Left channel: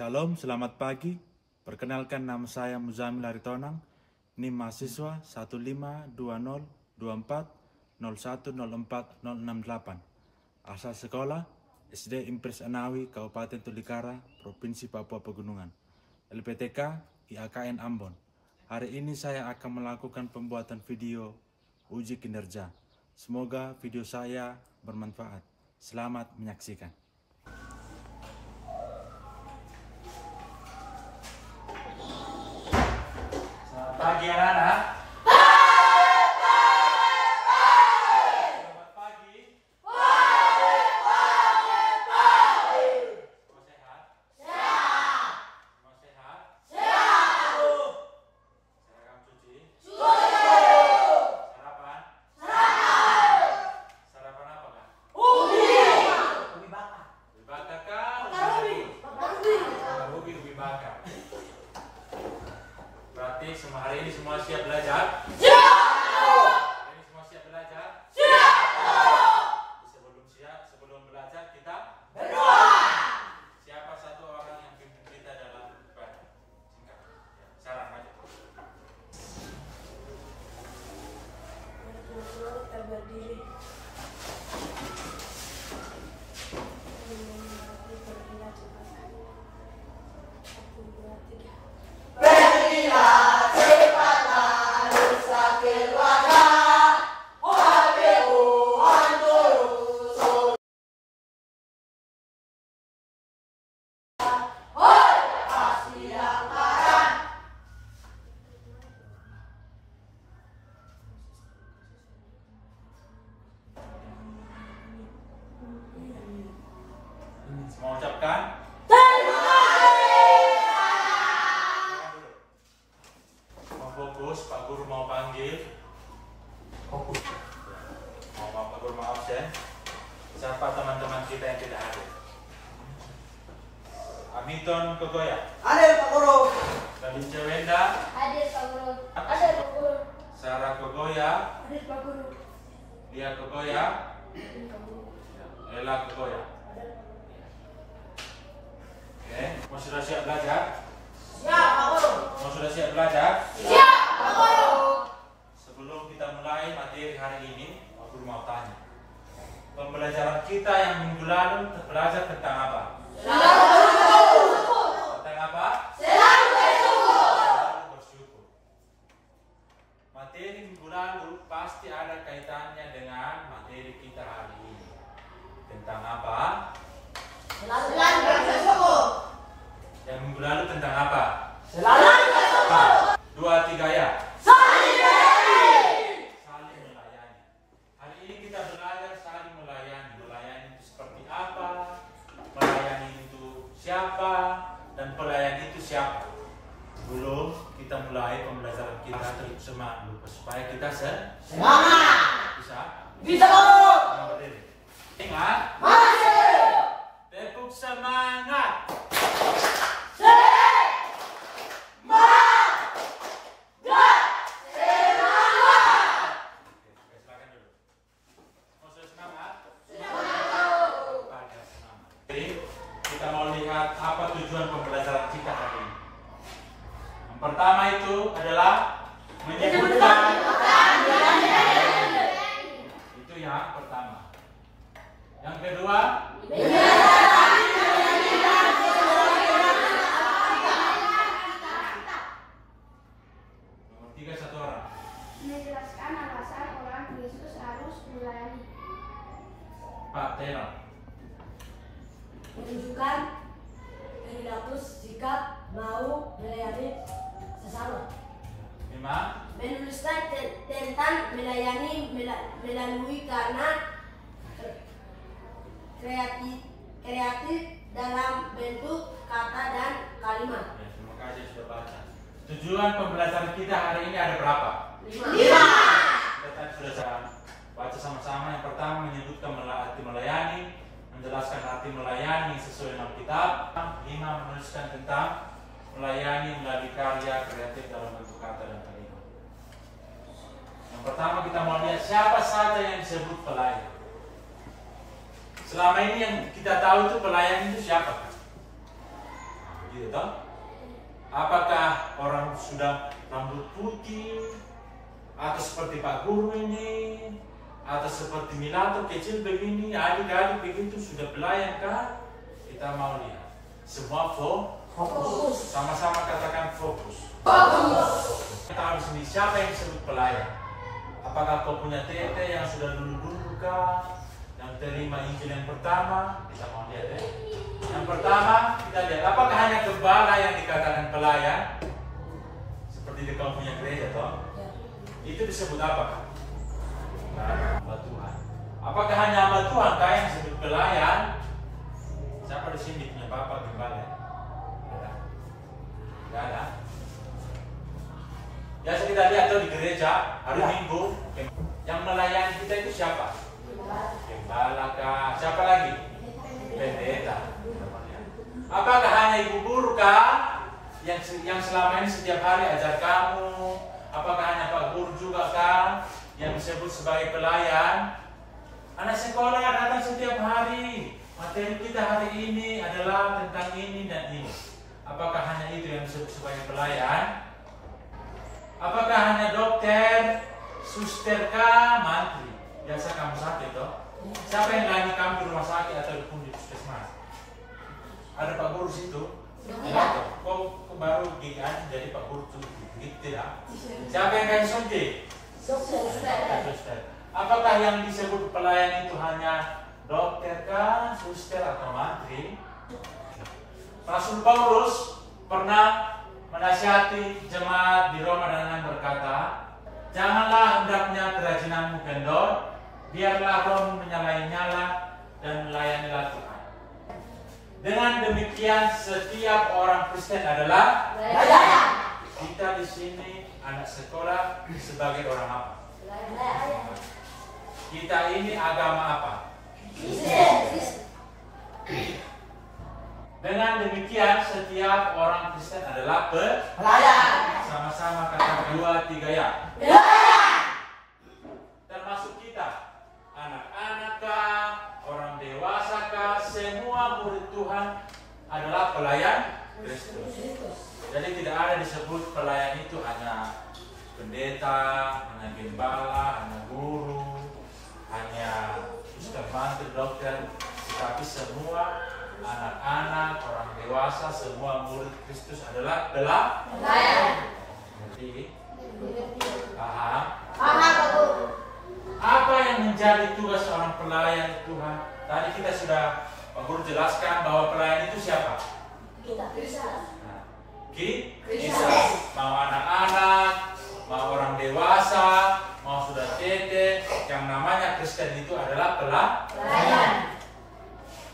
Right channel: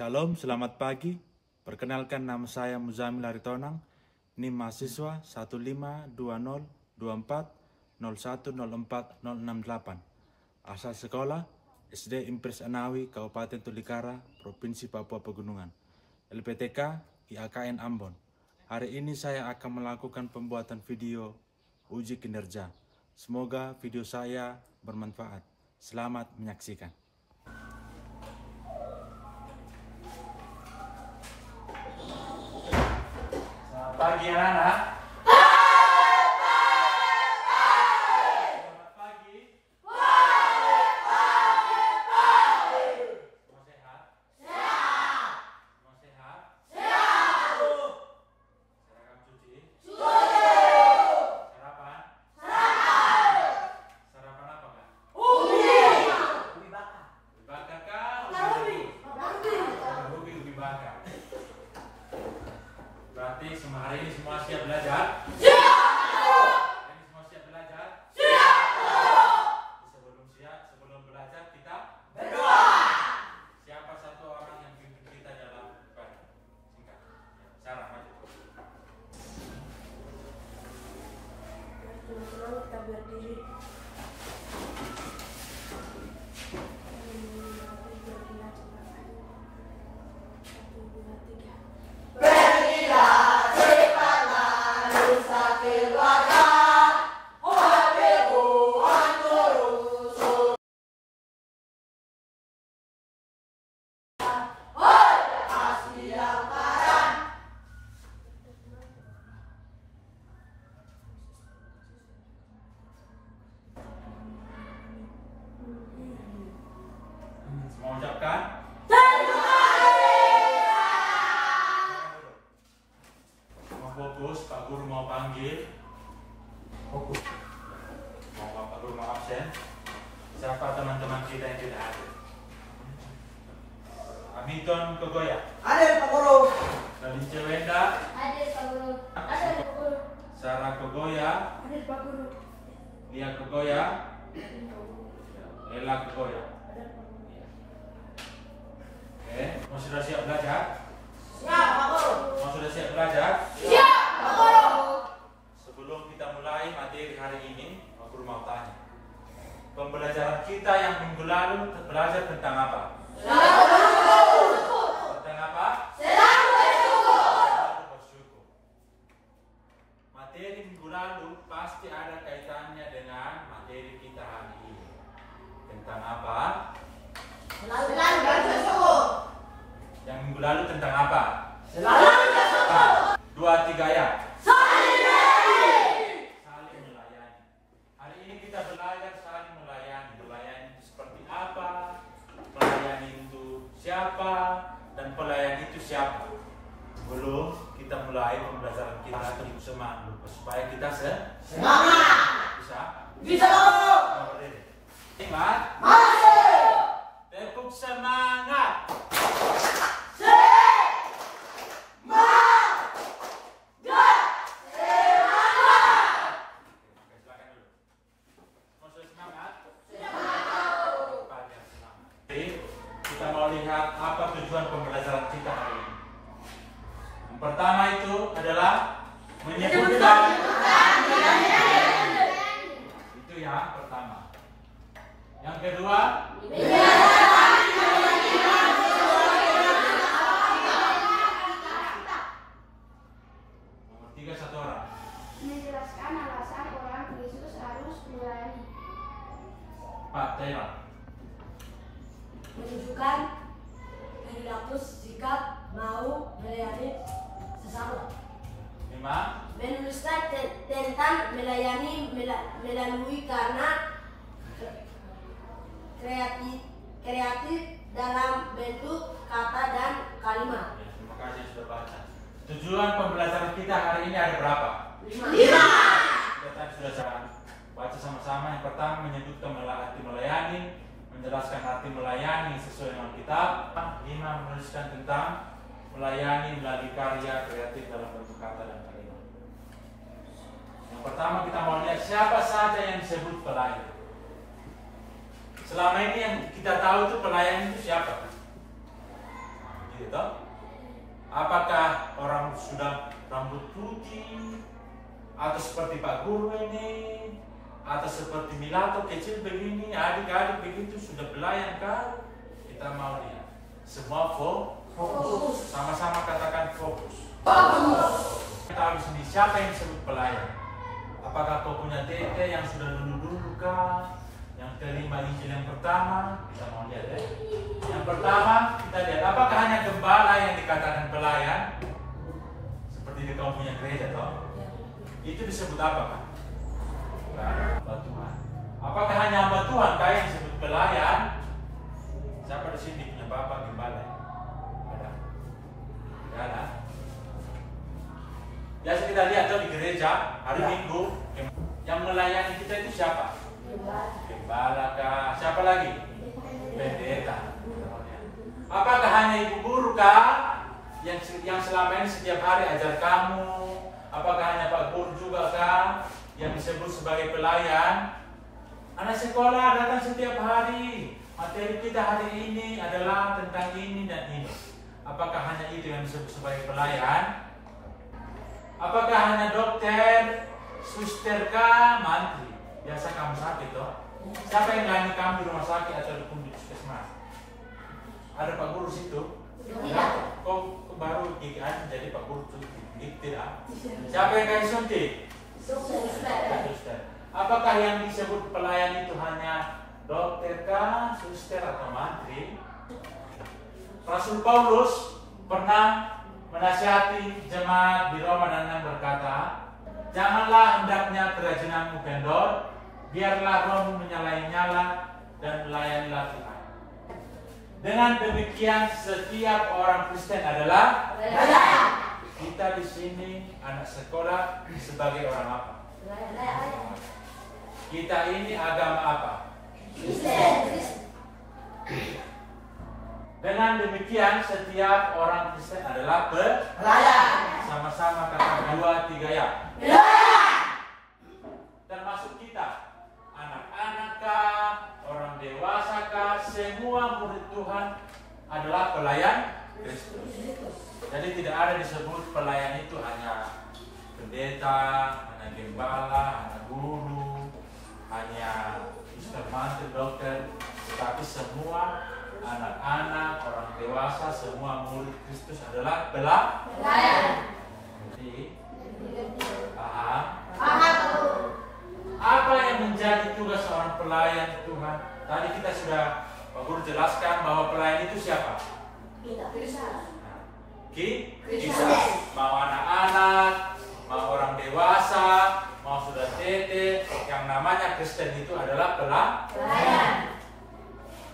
Shalom, selamat pagi. Perkenalkan, nama saya Muzamil Aritonang. NIM mahasiswa 152024010468. Asal sekolah SD Impres Anawi, Kabupaten Tolikara, Provinsi Papua Pegunungan. LPTK IAKN Ambon. Hari ini saya akan melakukan pembuatan video uji kinerja. Semoga video saya bermanfaat. Selamat menyaksikan. Pagi anak-anak. Selamat pagi. Mau sehat? Mau sehat? Seragam cuci? Sarapan? Sarapan apa kan? Ubi bakar kan? Ubi bakar. Berarti hari ini semua siap belajar? Siap! Hari ini semua siap belajar? Siap! Sebelum belajar kita berdoa. Siapa satu orang yang pimpin kita dalam ibadah? Singkat. Sarah, maju. Kita berdiri. Mau ucapkan? Terima kasih. Mau fokus, Pak Guru mau panggil. Fokus. Pak Guru mau absen. Siapa teman-teman kita yang tidak hadir? Hamilton Kegoya. Hadir Pak Guru. Nadine Cewenda. Hadir Pak Guru. Hadir Pak Guru. Sarah Kegoya. Hadir Pak Guru. Lia Kegoya. Ella Kegoya. Mau sudah siap belajar? Siap Pak Guru. Mau sudah siap belajar? Siap Pak Guru. Sebelum kita mulai materi hari ini, Pak Guru mau tanya. Pembelajaran kita yang minggu lalu belajar tentang apa? Tentang apa? Selalu bersyukur. Materi minggu lalu pasti ada kaitannya dengan materi kita hari ini. Tentang apa? Selalu bersyukur. Yang minggu lalu tentang apa? Selalu bersyukur. 2, 3 ya. Saling melayani. Saling melayani. Hari ini kita belajar saling melayani. Melayani itu seperti apa? Melayani itu siapa? Dan pelayan itu siapa? Sebelum kita mulai pembelajaran kita, terus semangat dulu supaya kita Semangat. bisa. Bisa Pak Guru. Mau berdiri. Ingat. Maju. Tepuk semangat. Kita mau lihat apa tujuan pembelajaran kita hari ini. Yang pertama itu adalah menyebutkan. Itu yang pertama. Yang kedua, nomor 3 satu orang. Menjelaskan alasan orang Yesus harus melayani. Pak Taylor. Menunjukkan perilaku sikap mau melayani sesama. 5. Menuliskan tentang melayani melalui karena kreatif dalam bentuk kata dan kalimat. Ya, terima kasih sudah baca. Tujuan pembelajaran kita hari ini ada berapa? 5. Kita tadi sudah saya baca sama-sama. Yang pertama menyebutkan arti melayani, menjelaskan arti melayani sesuai dengan kitab. 5. Menuliskan tentang melayani melalui karya kreatif dalam bentuk kata dan kalimat. Yang pertama kita mau lihat siapa saja yang disebut pelayan. Selama ini yang kita tahu itu pelayan itu siapa? mantri itu? Apakah orang sudah rambut putih atau seperti Pak Guru ini atau seperti Milato kecil begini, adik-adik begitu sudah pelayan kah? Kita mau lihat. Semua fokus. Sama-sama katakan fokus. Kita harus ini siapa yang disebut pelayan? Apakah kau punya tete yang sudah dulu kah? Yang terima Injil yang pertama? Kita mau lihat ya. Yang pertama kita lihat, apakah hanya gembala yang dikatakan pelayan? Seperti di kamu punya gereja toh? Itu disebut apa Pak? Hamba Tuhan. Apakah hanya hamba Tuhan kah yang disebut pelayan? Siapa di sini punya bapak gembala? Ada? Tidak ada. Biasa kita lihat tuh di gereja hari Minggu yang melayani kita itu siapa? Gembala kah? Siapa lagi? Pendeta. Apakah hanya ibu guru kah yang selama ini setiap hari ajar kamu? Apakah hanya Pak Guru juga kah yang disebut sebagai pelayan? Anak sekolah datang setiap hari. Materi kita hari ini adalah tentang ini dan ini. Apakah hanya itu yang disebut sebagai pelayan? Apakah hanya dokter, suster kah, mantri? Biasa kamu sakit toh? Siapa yang layani kamu di rumah sakit atau di puskesmas? Ada Pak Guru situ? Ya. Kok baru gigi aja jadi Pak Guru tuh? Gitu tidak? Siapa yang kayak suntik? Suster. Apakah yang disebut pelayan itu hanya dokter kah, suster atau mantri? Rasul Paulus pernah menasihati jemaat di Roma dan berkata, janganlah hendaknya kerajinanmu kendor, biarlah rohmu menyala-nyala dan melayanilah Tuhan. Dengan demikian setiap orang Kristen adalah pelayan. Kita di sini anak sekolah sebagai orang apa? Kita ini agama apa? Kristen. Dengan demikian setiap orang Kristen adalah pelayan. Sama-sama kata 2, 3 ya. Termasuk kita, anak-anak kah, orang dewasa kah, semua murid Tuhan adalah pelayan Kristus. Jadi tidak ada disebut pelayan itu hanya pendeta, hanya gembala, hanya guru, hanya suster, mantri, dokter, tetapi semua anak-anak, orang dewasa, semua murid Kristus adalah pelayan. Jadi, paham? Apa yang menjadi tugas seorang pelayan Tuhan? Tadi kita sudah Pak Guru jelaskan bahwa pelayan itu siapa? Kita. Mau anak-anak, mau orang dewasa, mau sudah tete, yang namanya Kristen itu adalah pelayan.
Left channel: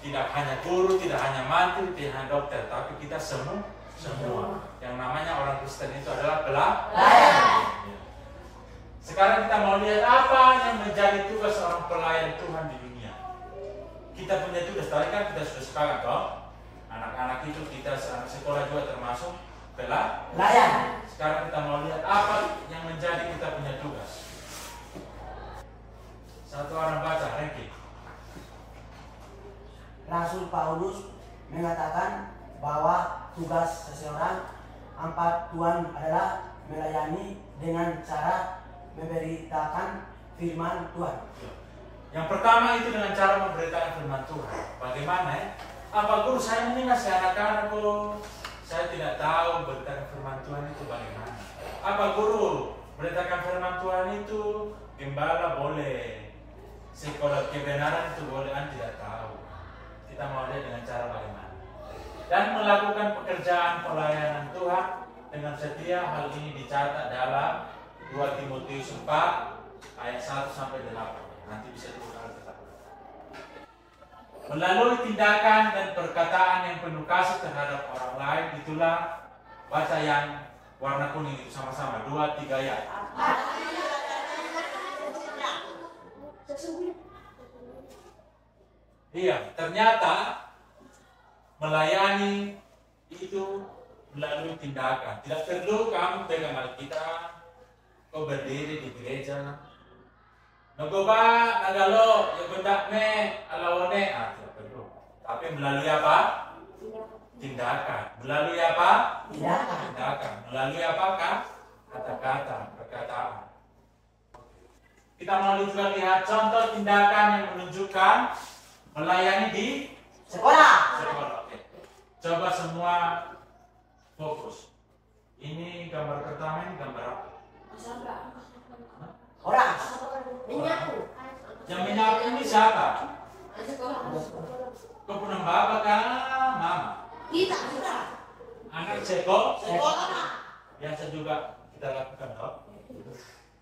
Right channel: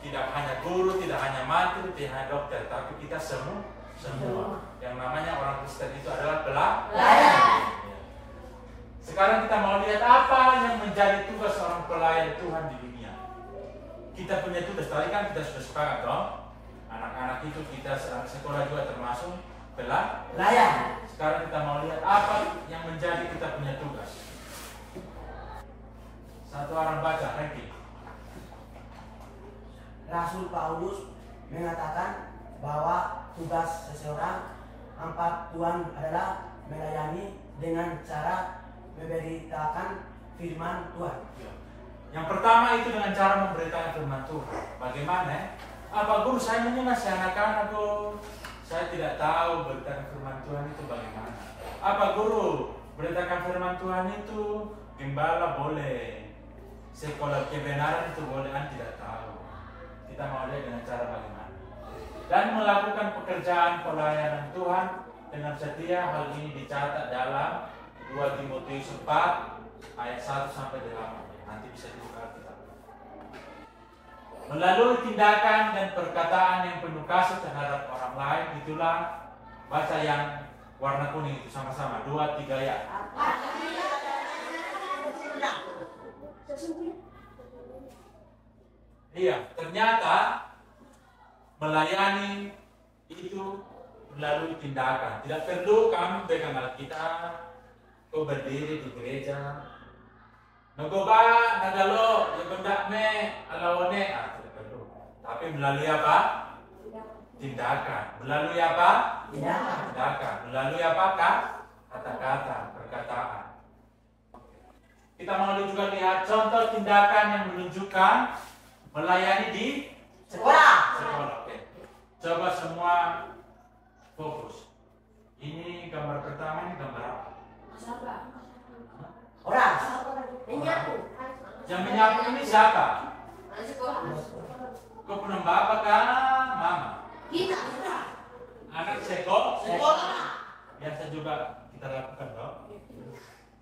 Tidak hanya guru, tidak hanya mantri, tidak hanya dokter, tapi kita semua. Yang namanya orang Kristen itu adalah pelayan. Ya. Sekarang kita mau lihat apa yang menjadi tugas seorang pelayan Tuhan di dunia. Kita punya tugas, tadi kan kita sudah sepakat toh. Anak-anak itu kita anak sekolah juga termasuk pelayan. Sekarang kita mau lihat apa yang menjadi kita punya tugas. Satu orang baca, ranking. Rasul Paulus mengatakan bahwa tugas seseorang hamba Tuhan adalah melayani dengan cara memberitakan firman Tuhan. Yang pertama itu dengan cara memberitakan firman Tuhan. Bagaimana? Apa Guru, saya ini masih anak-anak kok. Saya tidak tahu beritakan firman Tuhan itu bagaimana. Apa Guru, beritakan firman Tuhan itu gembala boleh, sekolah kebenaran itu boleh, kan tidak tahu. Kita mau lihat dengan cara bagaimana. Dan melakukan pekerjaan pelayanan Tuhan dengan setia. Hal ini dicatat dalam 2 Timotius 4 ayat 1 sampai 8. Nanti bisa dibuka Alkitab. Melalui tindakan dan perkataan yang penuh kasih terhadap orang lain, itulah baca yang warna kuning itu sama-sama 2, 3 ya. Iya, ternyata melayani itu melalui tindakan. Tidak perlu kamu pegang Alkitab, kau berdiri di gereja, nagoba, nagalo, yagundak me, alawone, tidak perlu. Tapi melalui apa? tindakan. Melalui apa? Tindakan. Tindakan. Melalui apa? Kata-kata, perkataan. Kita mau juga lihat contoh tindakan yang menunjukkan melayani di Sekolah. Oke. Coba semua fokus. Ini gambar pertama, ini gambar apa? Orang. Menyapu. Yang menyapu ini siapa? Kau pernah bapak kah? Mama? Kita. Anak sekolah? Sekolah. Biasa juga kita lakukan loh.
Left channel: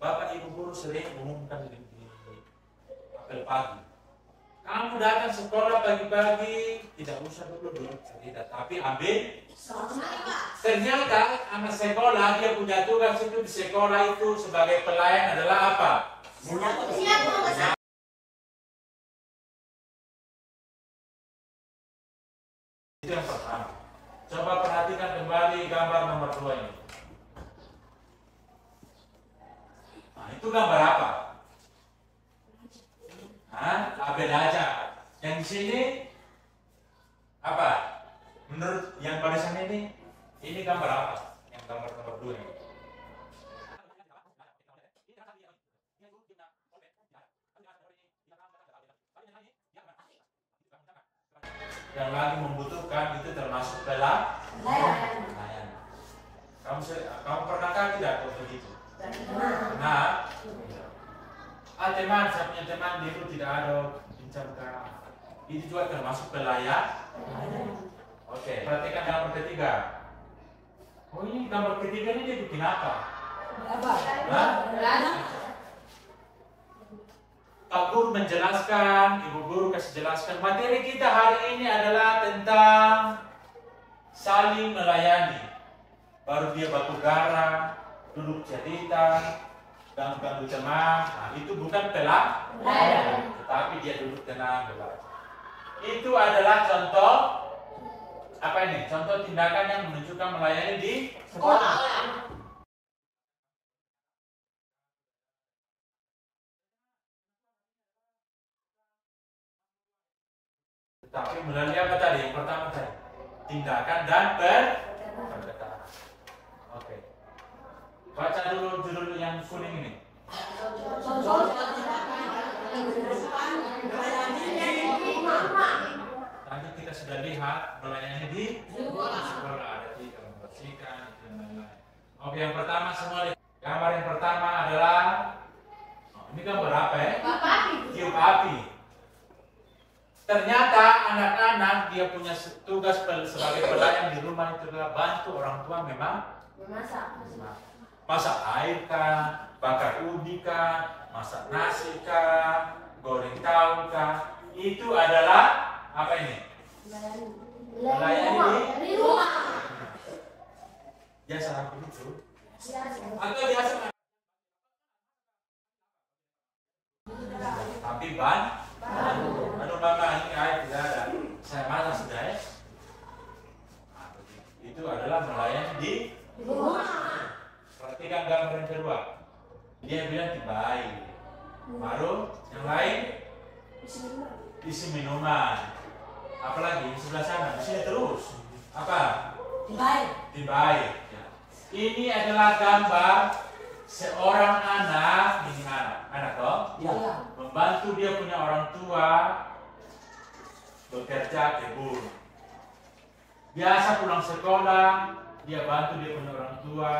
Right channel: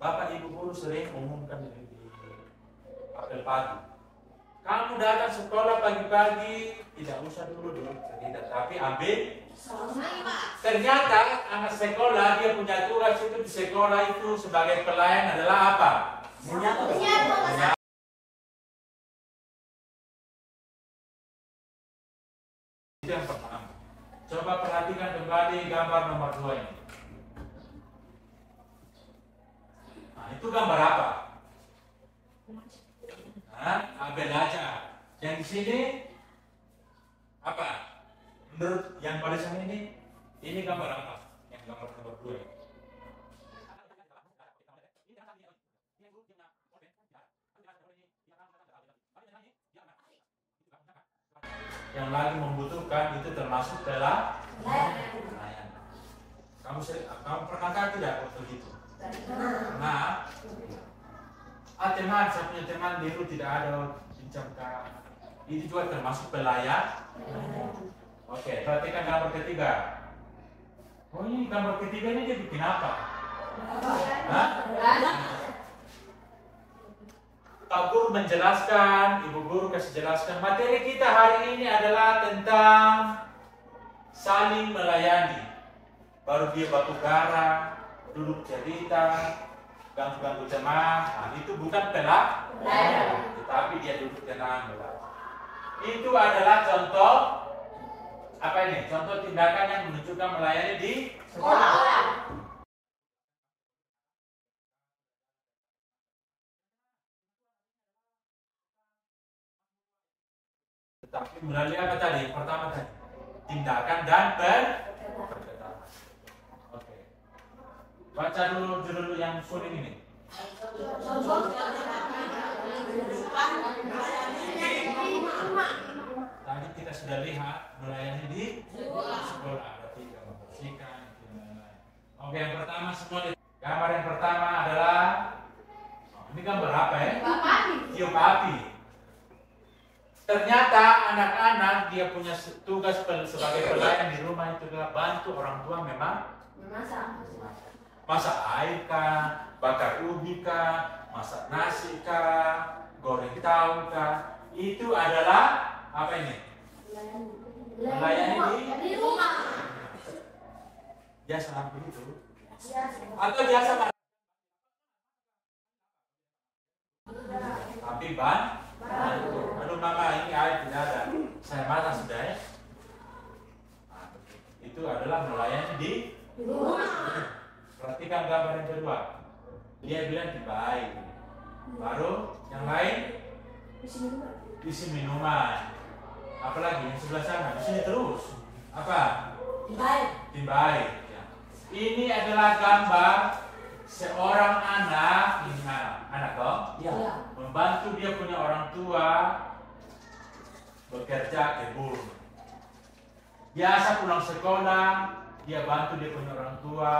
Bapak ibu guru sering umumkan di apel pagi. Kamu datang sekolah pagi-pagi, tidak usah dulu cerita, tapi ambil. Ternyata anak sekolah dia punya tugas itu di sekolah itu sebagai pelayan adalah apa? Menyapu. Itu yang pertama. Coba perhatikan kembali gambar nomor 2 ini. Nah, itu gambar apa? Abel aja. Yang di sini apa? Menurut yang barisan ini gambar apa? Yang gambar nomor 2 ini. Yang lagi membutuhkan itu termasuk pelayan. Kamu pernahkah tidak kok begitu? Nah, teman, saya punya teman dulu tidak ada pinjam kah? Itu juga termasuk pelayan. Oke, perhatikan gambar ketiga. Oh, ini gambar ketiga ini dia bikin apa? Pak Guru menjelaskan, Ibu Guru kasih jelaskan. Materi kita hari ini adalah tentang saling melayani. Baru dia batu gara, duduk cerita, ganggu-ganggu teman. Nah, itu bukan pelayan, tetapi dia duduk tenang belajar. Itu adalah contoh apa ini? Contoh tindakan yang menunjukkan melayani di Sekolah. Tetapi melalui apa tadi? Yang pertama tadi tindakan dan perkataan. Oke. Baca dulu judul yang kuning ini. Tadi kita sudah lihat melayani di sekolah ada 3 membersihkan dan lain-lain. Oke, yang pertama semua gambar yang pertama adalah ini gambar apa ya? Tiup api. Ternyata anak-anak dia punya tugas sebagai pelayan di rumah itu adalah bantu orang tua memang masak air kah, bakar ubi kah, masak nasi kah, goreng tahu kah. Itu adalah apa ini? Melayani di rumah. Biasa begitu? Atau biasa kan? Tapi aduh mama ini air tidak ada. Saya mana sudah ya? Itu adalah melayani di rumah. Perhatikan gambar yang kedua. Dia bilang baik. Baru yang lain isi minuman. Apalagi yang sebelah sana di sini terus. Apa? Tibai. Ya. Ini adalah gambar seorang anak, ini anak dong, Ya. membantu dia punya orang tua bekerja kebun. Biasa pulang sekolah, dia bantu dia punya orang tua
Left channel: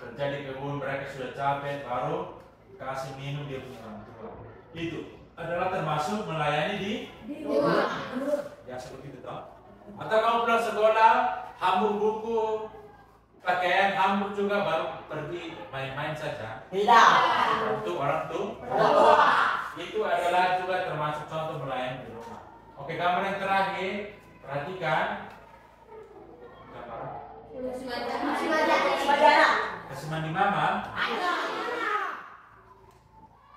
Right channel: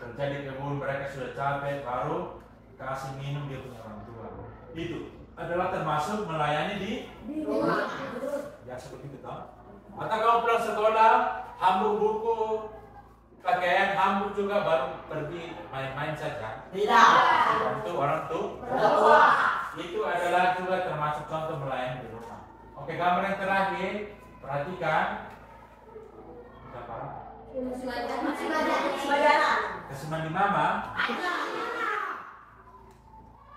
kerja di kebun, mereka sudah capek, baru kasih minum dia punya orang tua. Itu adalah termasuk melayani di rumah. ya seperti itu toh. Atau kamu pulang sekolah, hambur buku, pakaian hambur juga baru pergi main-main saja. Tidak. Bantu orang tua. Itu adalah juga termasuk contoh melayani di rumah. Oke, gambar yang terakhir, perhatikan. Gambar kesemandi mama,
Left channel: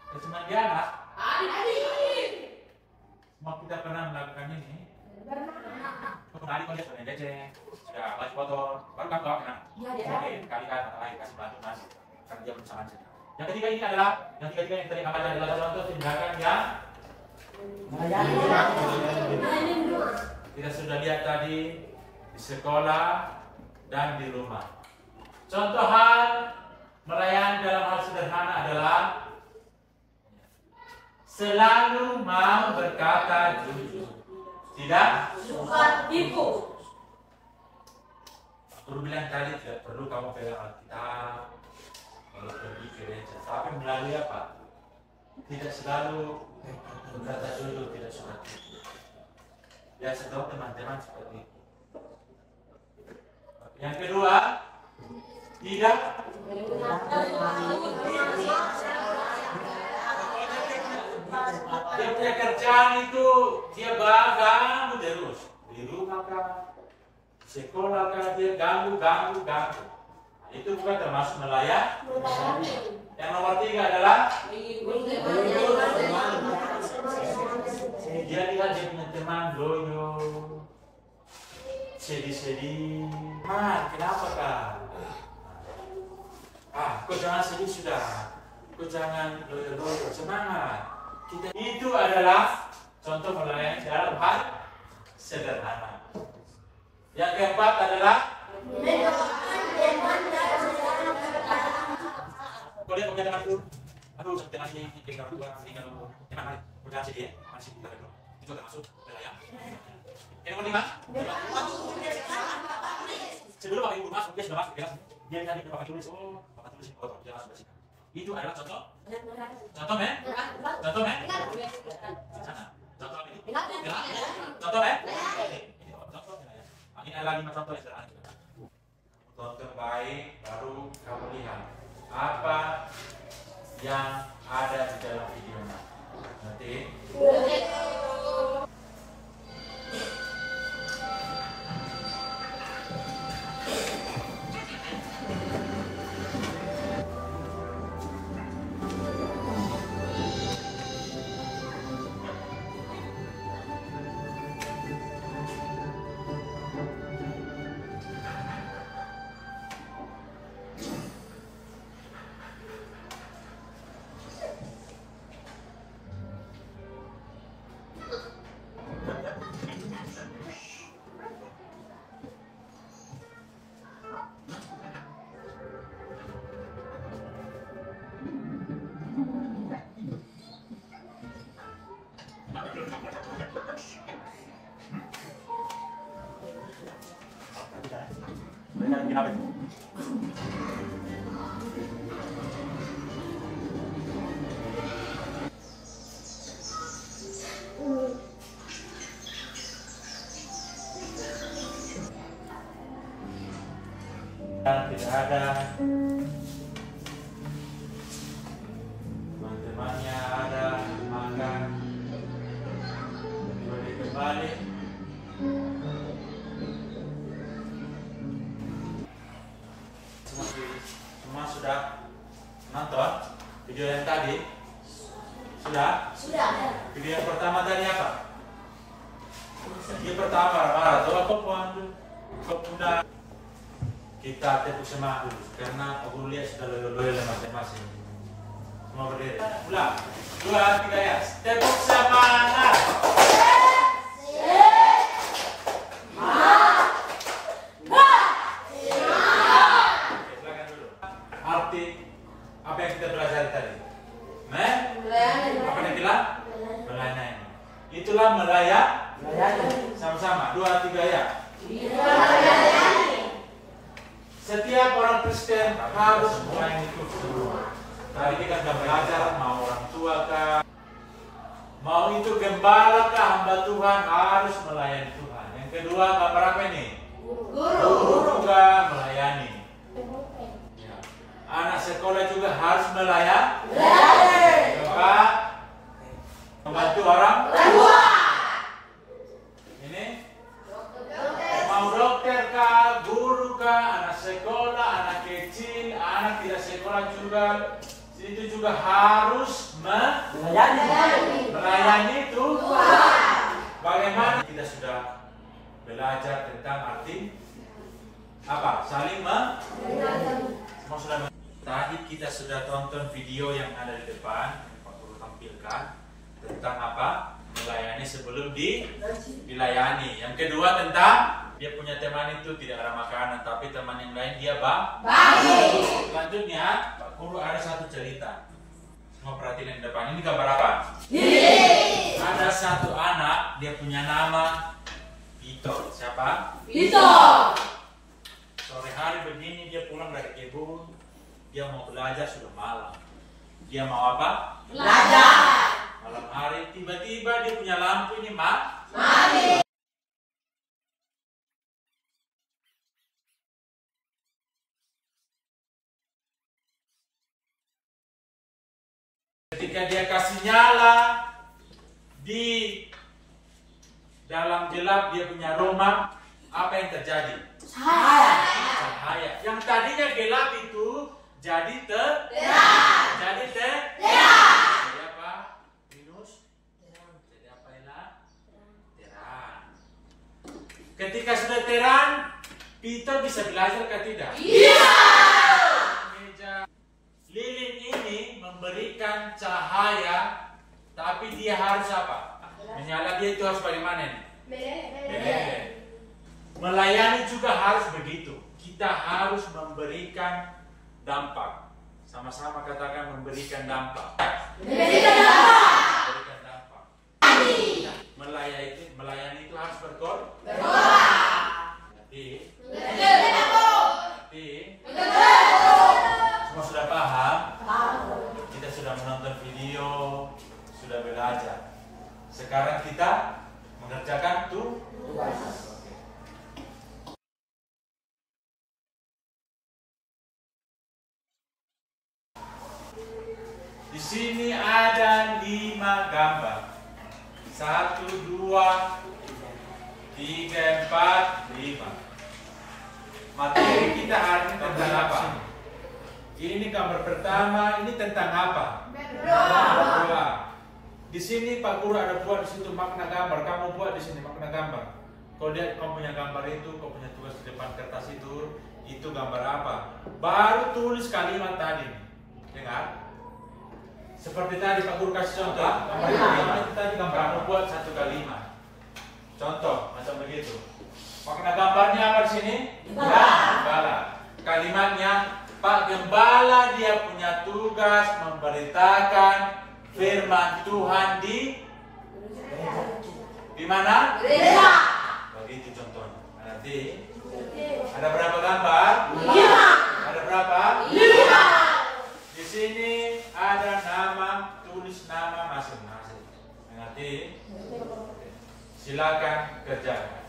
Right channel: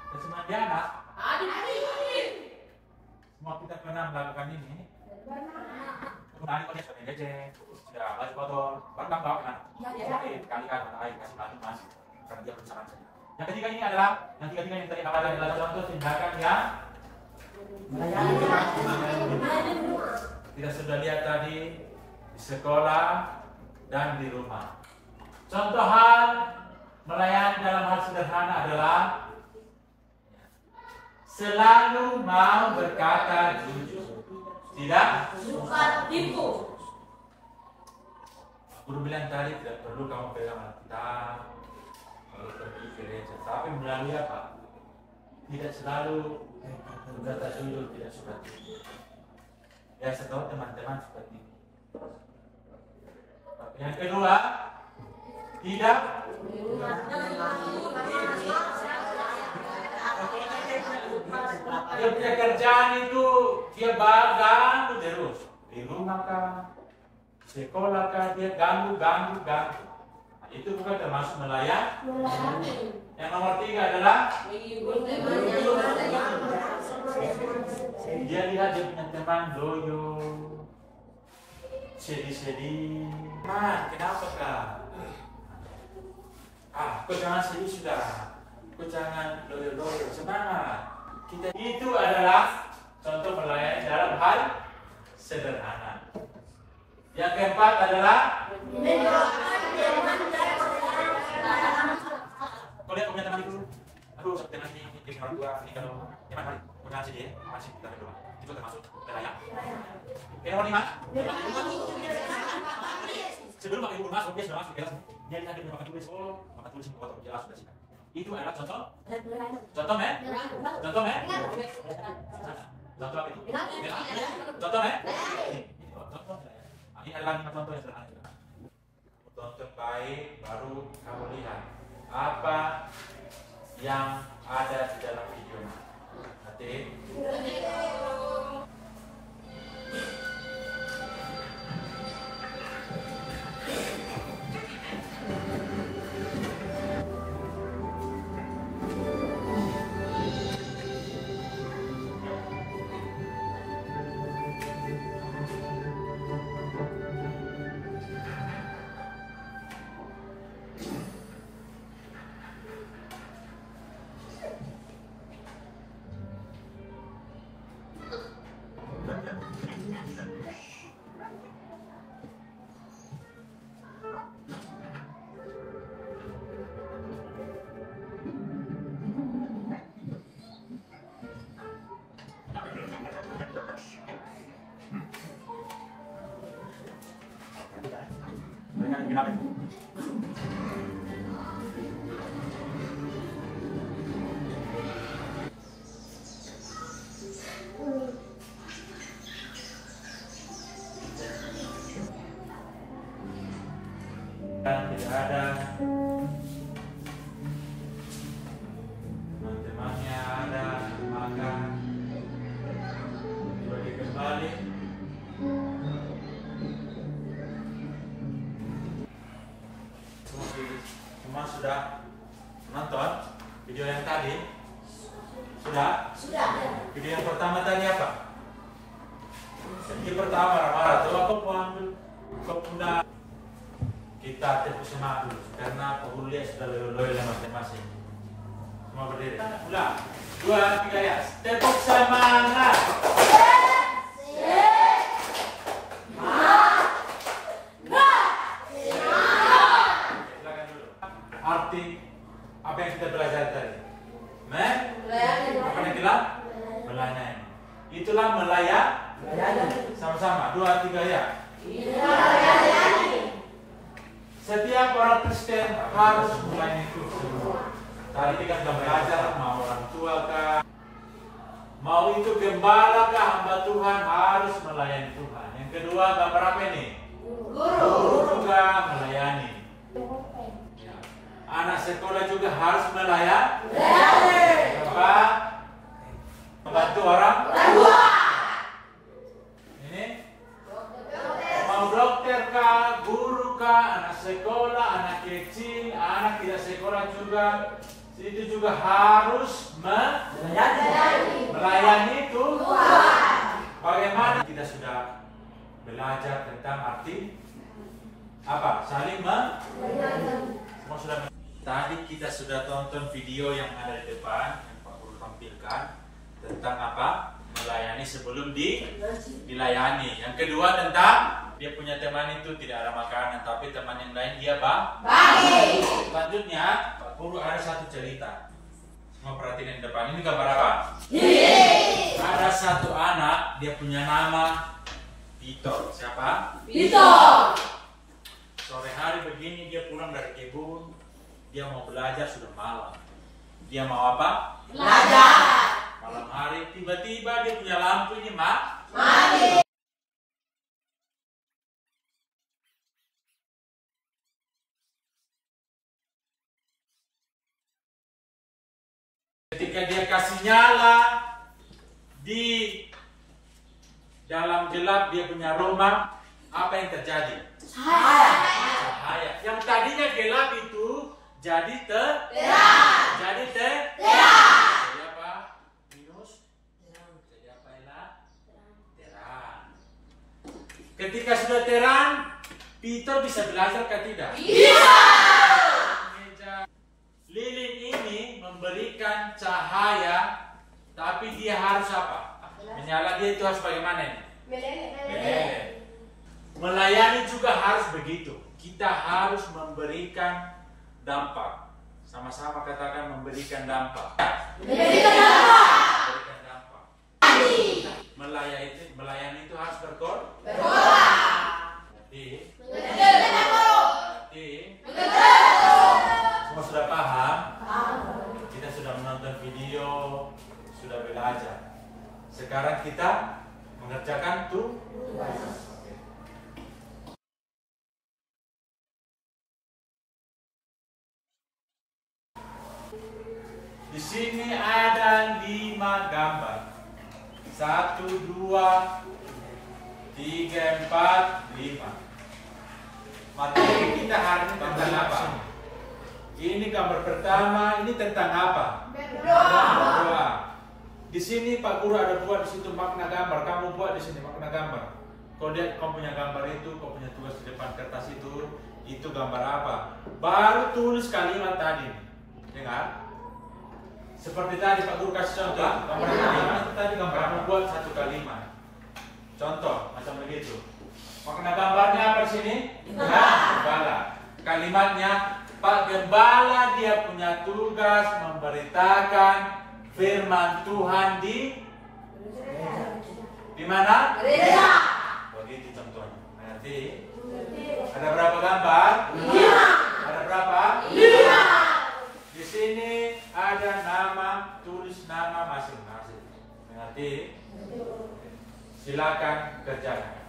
kesemandi anak. Semua kita pernah melakukan ini. Tadi kau lihat yang gecek, sudah baju kotor, baru kan kau kena. Oke, kalikan air kasih mas, karena dia perusahaan saja. Yang ketiga ini adalah, yang ketiga ini tadi apa adalah contoh tindakan yang Melayani. kita sudah lihat tadi di sekolah, dan di rumah. Contoh hal melayani dalam hal sederhana adalah selalu mau berkata jujur, tidak Suka tipu. Guru bilang tadi tidak perlu kamu pegang Alkitab kalau pergi gereja, tapi melalui apa? Tidak selalu berkata jujur, tidak suka tipu. Ya, saya tahu teman-teman seperti itu. Yang kedua, tidak dia punya kerjaan itu dia ganggu terus di rumah kah, sekolah kah, dia ganggu. Nah, itu bukan termasuk melayani. Yang nomor 3 adalah dia lihat dia punya teman loyo, sedih. Kenapa kah? Kau jangan sedih sudah. Kau jangan loyo, semangat. Itu adalah contoh melayani dalam hal sederhana. Yang keempat adalah kau lihat punya teman itu, aduh setelah ini jadi orang tua, ini kalau teman baik, mengaji dia masih kita berdoa. Itu termasuk melayani. Yang nomor 5, sebelum pakai buku masuk, dia sudah masuk kelas. Dia lihat dia pakai tulis, pakai tulis ini kotor, dia langsung dari sini. Itu adalah contoh men? Contoh men? Contoh apa ini? Contoh men? Ini adalah 5 contoh yang sederhana. Tonton baik, baru kamu lihat apa yang ada di dalam video. Nanti tidak ada, teman-temannya ada, makan, tiba dia kembali. Semua sudah nonton video yang tadi? Sudah? Video yang pertama tadi apa? Video pertama marah-marah, kau punya kita tepuk semangat dulu karena penghulu lihat sudah loyo masing-masing. Semua berdiri. Ulang. 2, 3 ya. Tepuk semangat. Silakan dulu. Arti apa yang kita belajar tadi? Apa yang kita melayani? Itulah melayani. Sama-sama. 2, 3 ya. Setiap orang Kristen harus melayani Tuhan. Tadi kita sudah belajar, mau orang tua kah, mau itu gembala kah, hamba Tuhan harus melayani Tuhan. Yang kedua, gambar apa ini? Guru juga melayani. Ya. Anak sekolah juga harus melayani. Keempat, membantu orang tua. Ini mau dokter kah, guru kah, anak sekolah, anak kecil, anak tidak sekolah juga, itu juga harus melayani Tuhan. Bagaimana kita sudah belajar tentang arti apa? Saling semua sudah. Tadi kita sudah tonton video yang ada di depan yang Pak Guru tampilkan tentang apa? Melayani sebelum dilayani. Yang kedua tentang dia punya teman itu tidak ada makanan, tapi teman yang lain dia Bagi. Selanjutnya, Pak Guru ada satu cerita. Mau perhatiin yang depan. Ini gambar apa? Ada satu anak, dia punya nama Vito. Siapa? Vito. Sore hari begini dia pulang dari kebun, dia mau belajar sudah malam. Dia mau apa? Belajar. Malam hari tiba-tiba dia punya lampu ini Mati. Ketika dia kasih nyala di dalam gelap dia punya rumah, apa yang terjadi? Cahaya. Yang tadinya gelap itu jadi terang. Jadi terang. Jadi apa? Minus. Jadi apa Ella? Terang. Ketika sudah terang, Peter bisa belajar ke tidak? Iya. Lilin ini memberikan cahaya, tapi dia harus apa? Menyala dia itu harus bagaimana nih? Meleleh. Melayani juga harus begitu. Kita harus memberikan dampak. Sama-sama katakan memberikan dampak. Memberikan dampak. Memberikan dampak. Melayani itu harus berkorban. Jadi semua sudah paham? Kita sudah menonton video, sudah belajar. Sekarang kita mengerjakan tugas. Di sini ada 5 gambar. 1, 2, 3, 4, 5. Materi kita hari ini tentang apa? Ini gambar pertama, ini tentang apa? Berdoa. Di sini Pak Guru ada buat di situ makna gambar. Kamu buat di sini makna gambar. Kau lihat kau punya gambar itu, kau punya tugas di depan kertas itu gambar apa? Baru tulis kalimat tadi. Dengar? Seperti tadi Pak Guru kasih contoh. Gambar itu tadi gambar kamu buat satu kalimat. Contoh macam begitu. Makna gambarnya apa di sini? Gembala. Kalimatnya Pak Gembala dia punya tugas memberitakan firman Tuhan di mana? Gereja. Begitu contohnya. Nanti ada berapa gambar? 5. Ada berapa? 5. Di sini ada nama, tulis nama masing-masing. Nanti silakan kerjakan.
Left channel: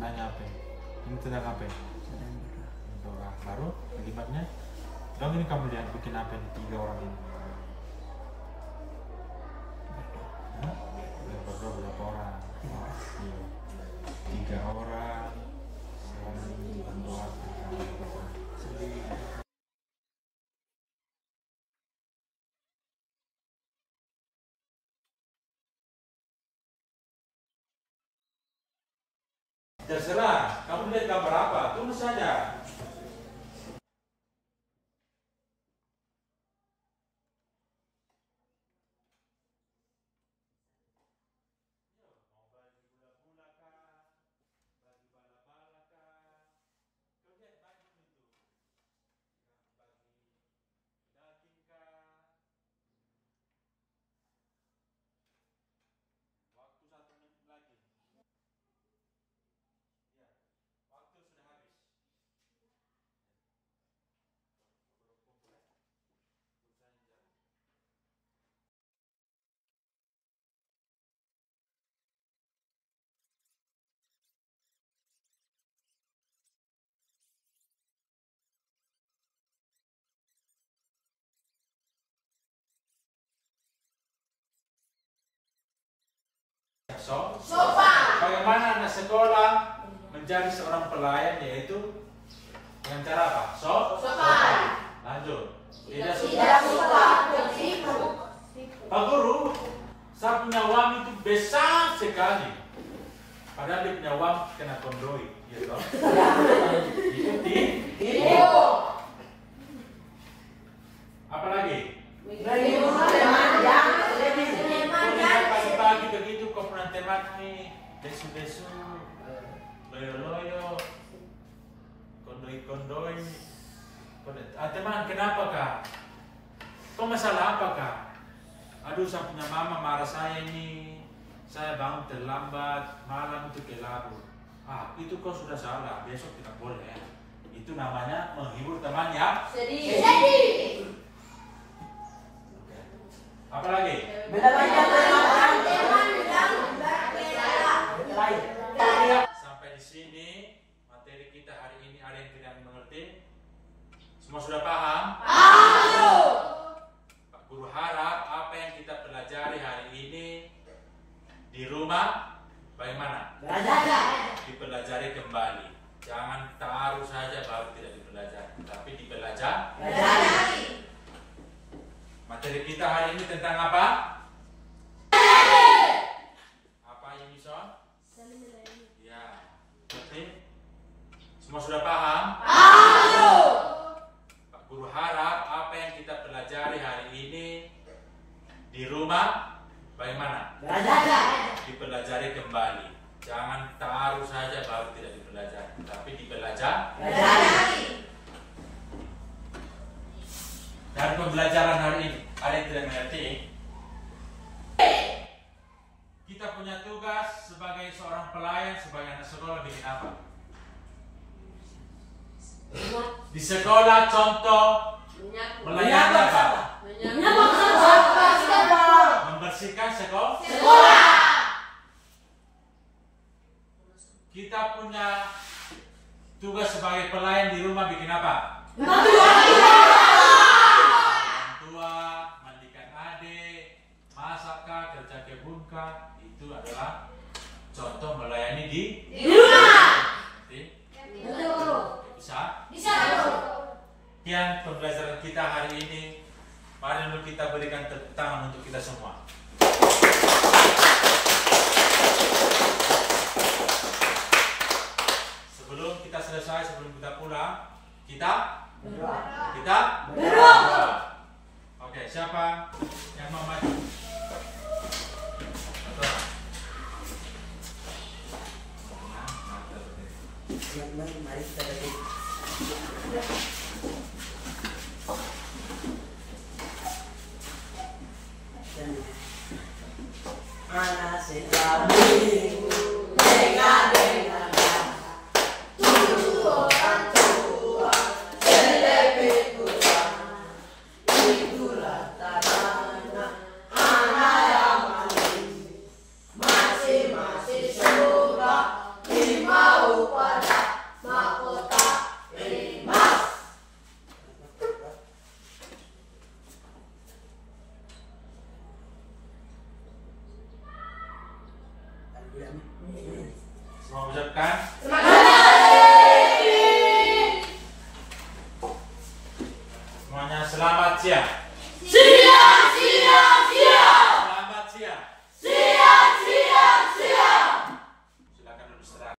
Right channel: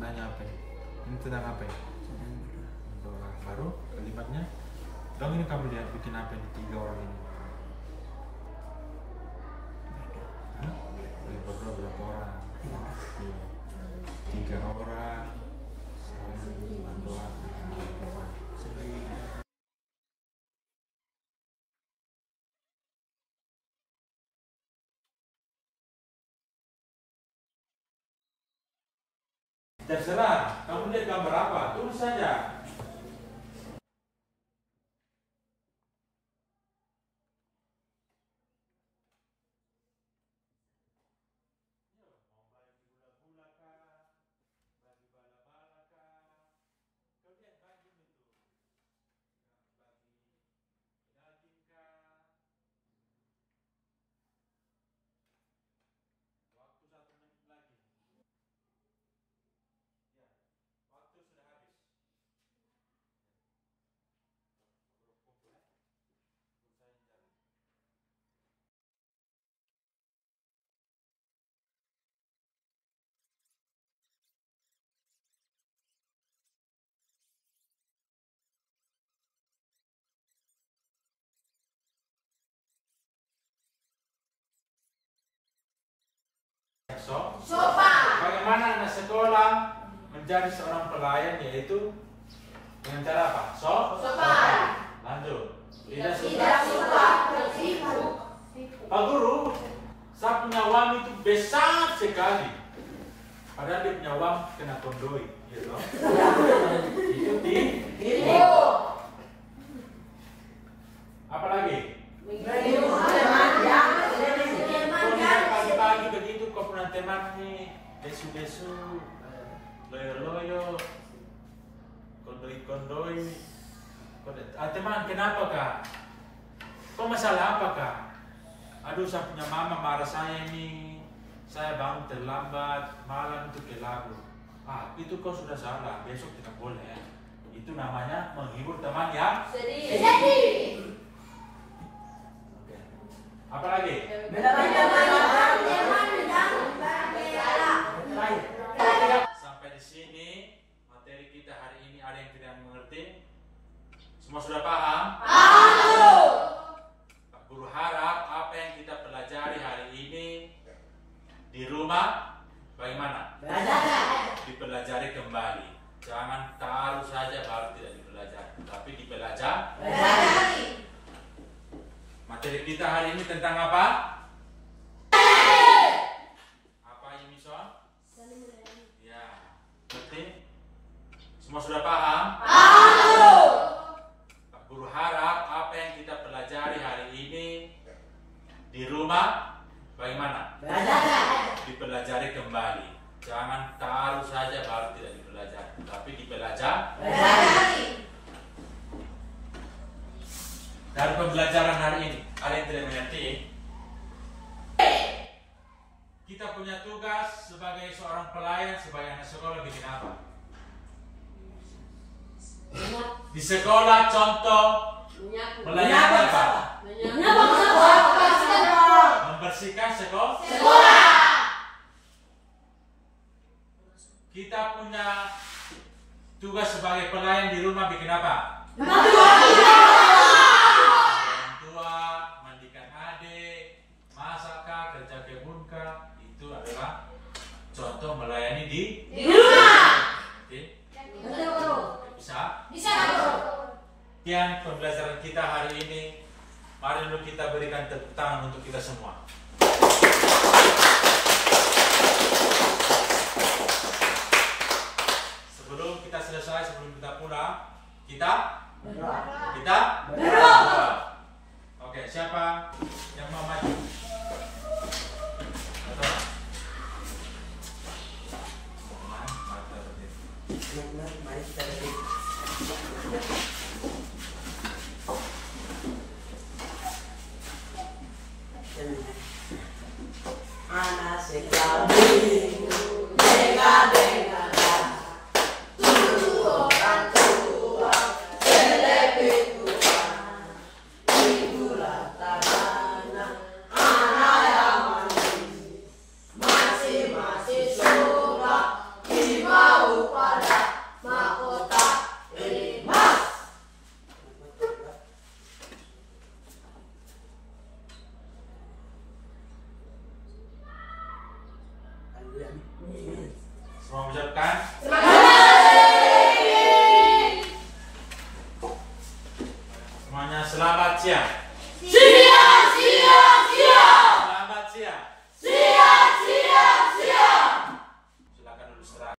Maknanya apa? Ini tentang apa? Berdoa. Baru kalimatnya. Dong ini kamu lihat bikin apa ini 3 orang ini? Hah? Ya, berdoa berapa orang? 3 orang. Saling mendoakan. Terserah, kamu lihat gambar apa, tulis saja. Sopan. Bagaimana anak sekolah menjadi seorang pelayan, yaitu dengan cara apa? Sopan. Lanjut. Tidak Tidak suka. suka tertipu. Pak Guru, saya punya uang itu besar sekali. Padahal dia punya uang kena kondoi, gitu. Itu tipu. Apa lagi? Pagi-pagi begitu kau pernah temani desu-desu, loyo-loyo, kondoi-kondoi. Teman, kenapa kak? Kau masalah apa kak? Aduh, saya punya mama marah saya ini. Saya bangun terlambat, malam itu kelabur. Itu kau sudah salah, besok tidak boleh. Itu namanya menghibur teman yang Sedih. Apa lagi? Sampai di sini materi kita hari ini, ada yang tidak mengerti? Semua sudah paham? Pak Guru harap apa yang kita pelajari hari ini di rumah bagaimana? Dipelajari kembali. Jangan taruh saja baru tidak dipelajari, tapi dipelajari. Materi kita hari ini tentang apa? Apa ini, Son? Ya, ngerti? Semua sudah paham? Pak Guru harap apa yang kita pelajari hari ini di rumah bagaimana? Dipelajari kembali. Jangan taruh saja baru tidak dipelajari, tapi dipelajari. Dari pembelajaran hari ini, ada yang tidak mengerti? Kita punya tugas sebagai seorang pelayan, sebagai anak sekolah bikin apa? Di sekolah contoh melayani apa? Membersihkan sekolah. Kita punya tugas sebagai pelayan di rumah bikin apa? Itu adalah contoh melayani di rumah. Bisa? Sekian pembelajaran kita hari ini. Mari dulu kita berikan tepuk tangan untuk kita semua. Sebelum kita selesai, sebelum kita pulang, kita berdoa. Oke, siapa yang mau maju? Mari kita berdiri. Anak sedang minggu dengan tujuh orang tua selebih tua itulah tadana anak yang manis masing-masing surga dimau pada mahkota emas. Semua mengucapkan semuanya selamat siang.